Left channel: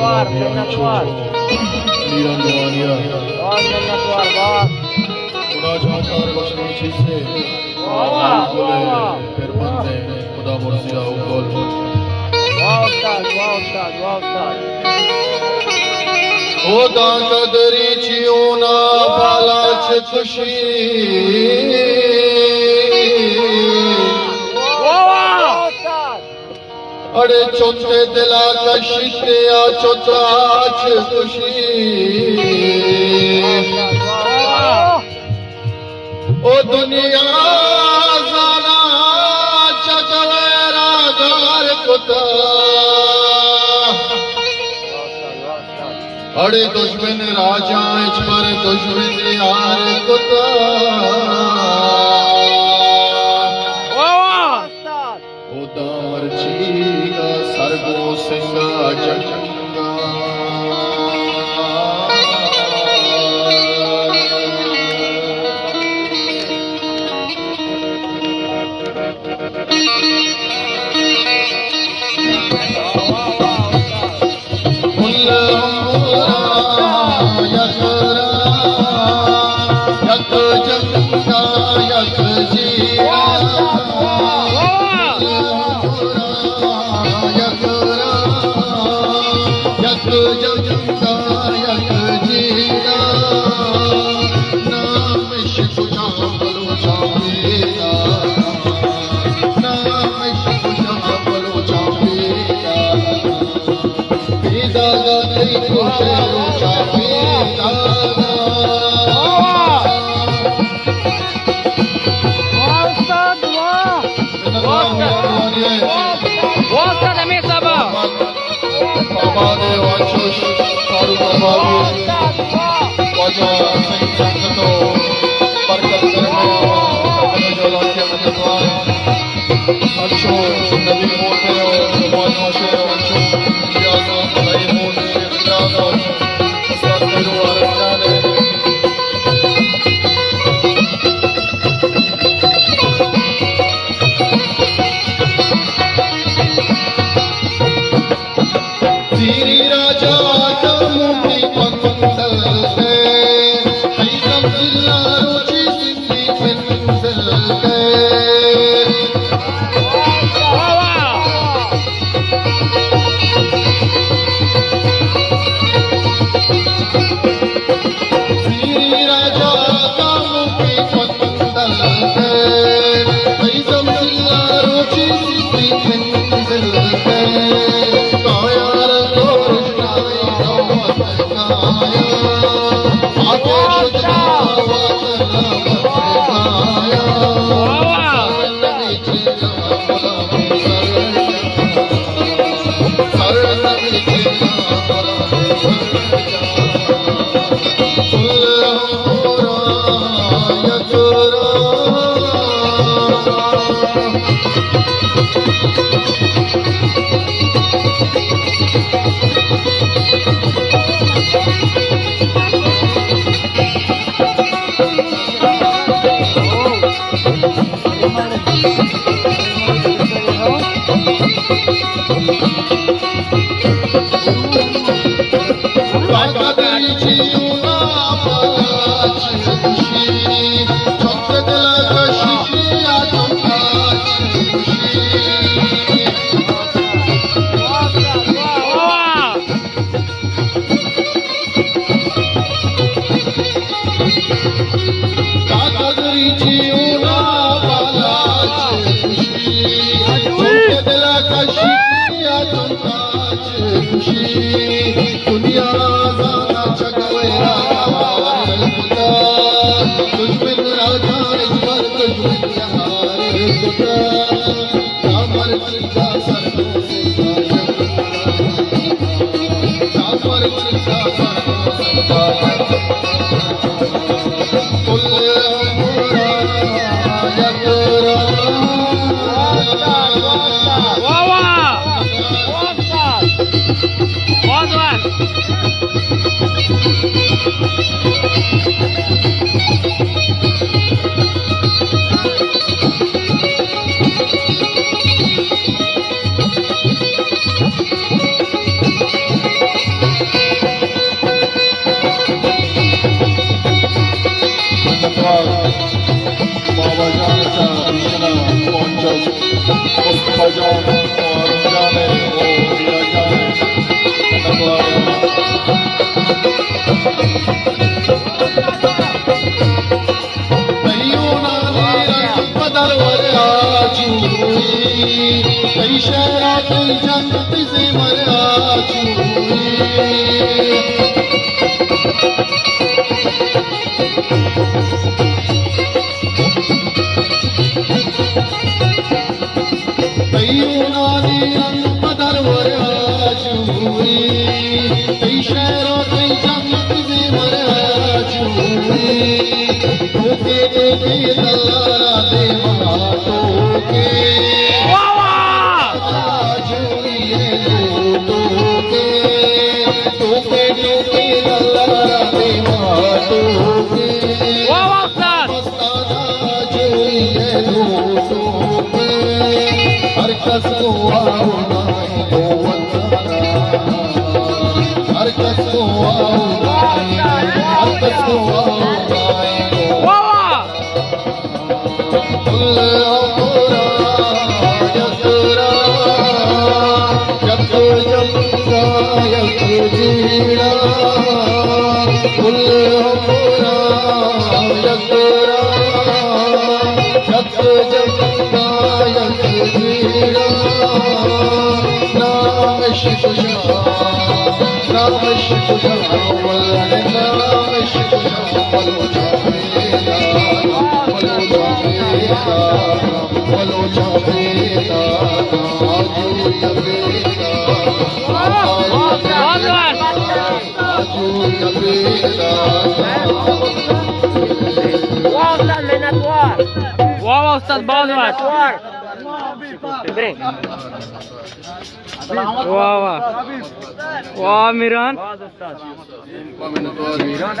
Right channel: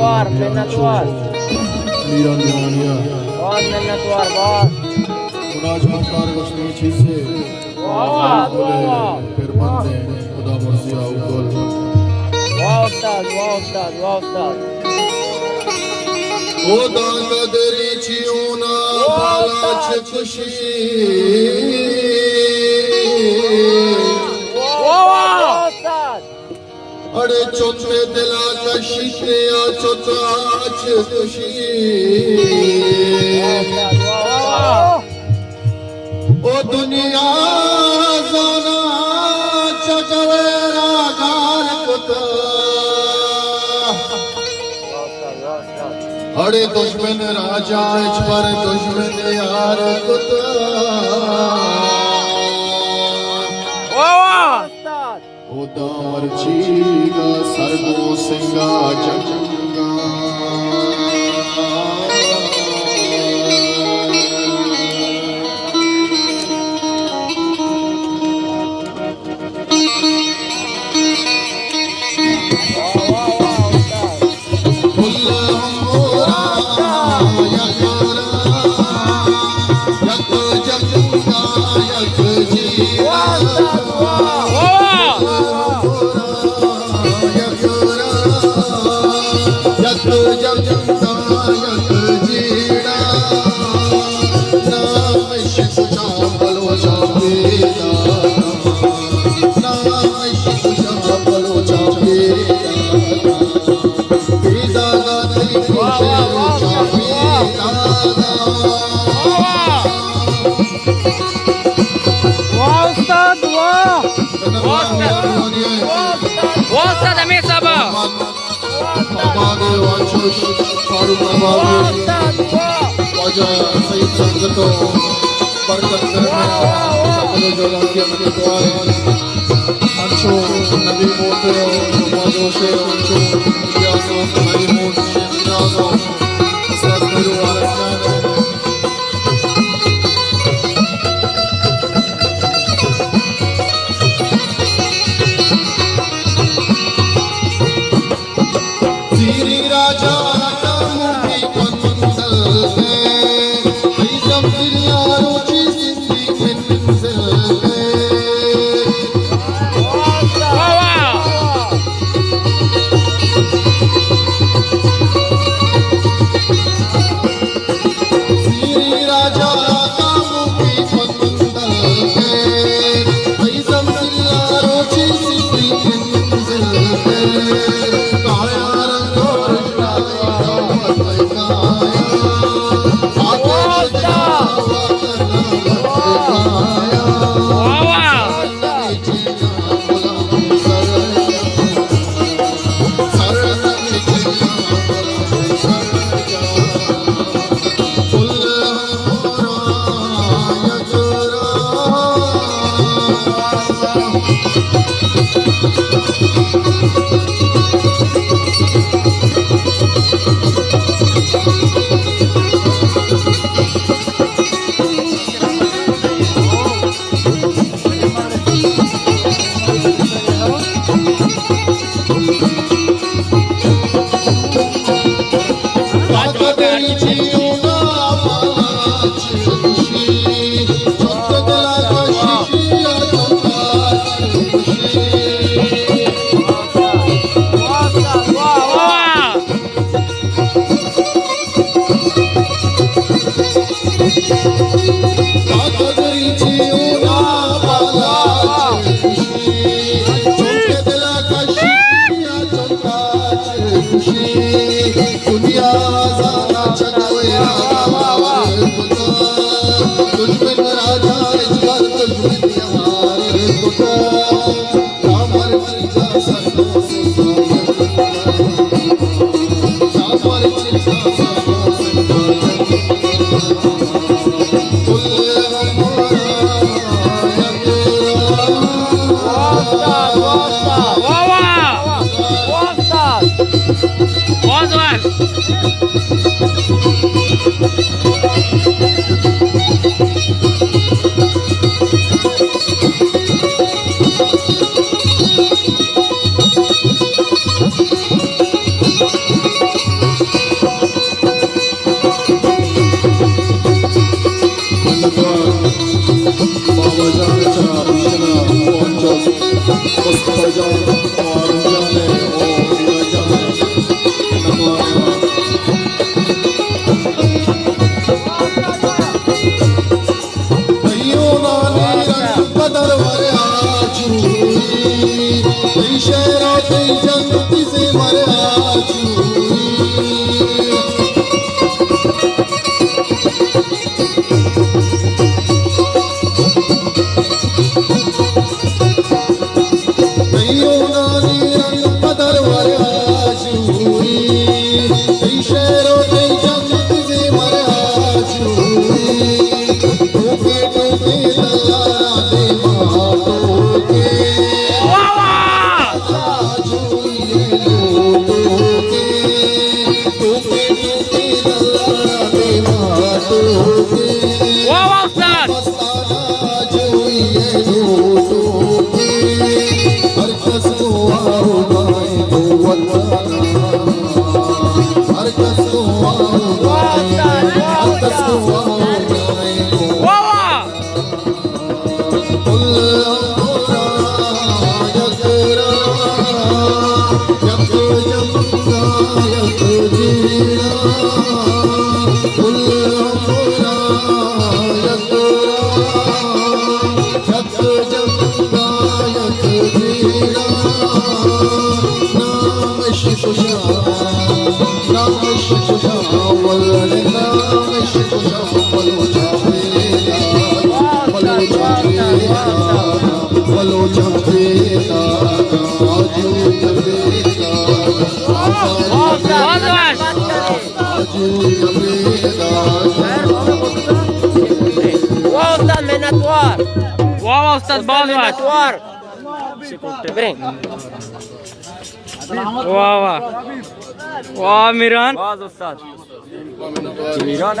menatwaer. miran nohani menatwaer. खुदा चाहता रोशनी से फिर बंदे खुदा मर्जिया उकोल खुदा कदरी चियोना बाला च खुशी अड़े चौथे दिला कशिशे आ चौथा च खुशी ओ दुनिया जाना चकवेरा गार कुता अड़े दुश्मन राजा पर दुश्मन यार कुता उदार चीगा सरगो सिंगा जंगा Wasta da mesa ba. pabad wachush karu pabad wajah saeed sangat barkat karmaya sapne jola ke menatwaer ancho nabi mote majo se ancho ya sa bhai mon se jago asas jo arjane Siri Raja Kamuni Pandal Hai, Aizam Dilla Ruchi Sindhi Pinzal Hai. Siri Raja Kamuni Pandal Hai, Aizam Dilla Ruchi Sindhi Pinzal Hai. Boa, Zoar! जान और जाने ओ मेरा जाने तैयो नानी रंग बदल मरा चूई कई शहरा कई जंग से मरा चूई तैयो नानी रंग बदल मरा चूई कई शहरा कई जंग से मरा चूई टोके टोके दलारा दे मां टोके वाह उस्ताद हर कस को आओ गाए दो वतना हर कस को आओ गाए हर कस को आओ गाए वाह कुल औरा यकरा यक यका यक जीना कुल औरा यकरा यक यका यक जीना नाम इश्क नाम इश्क वल्द नाम इश्क वलो जावेगा वलो जावेगा वलो जावेगा واو استاذ menatwaer. वाह उस्ताद बहुत menatwaer. Bring. वाह वाह वाह मिरान मिरान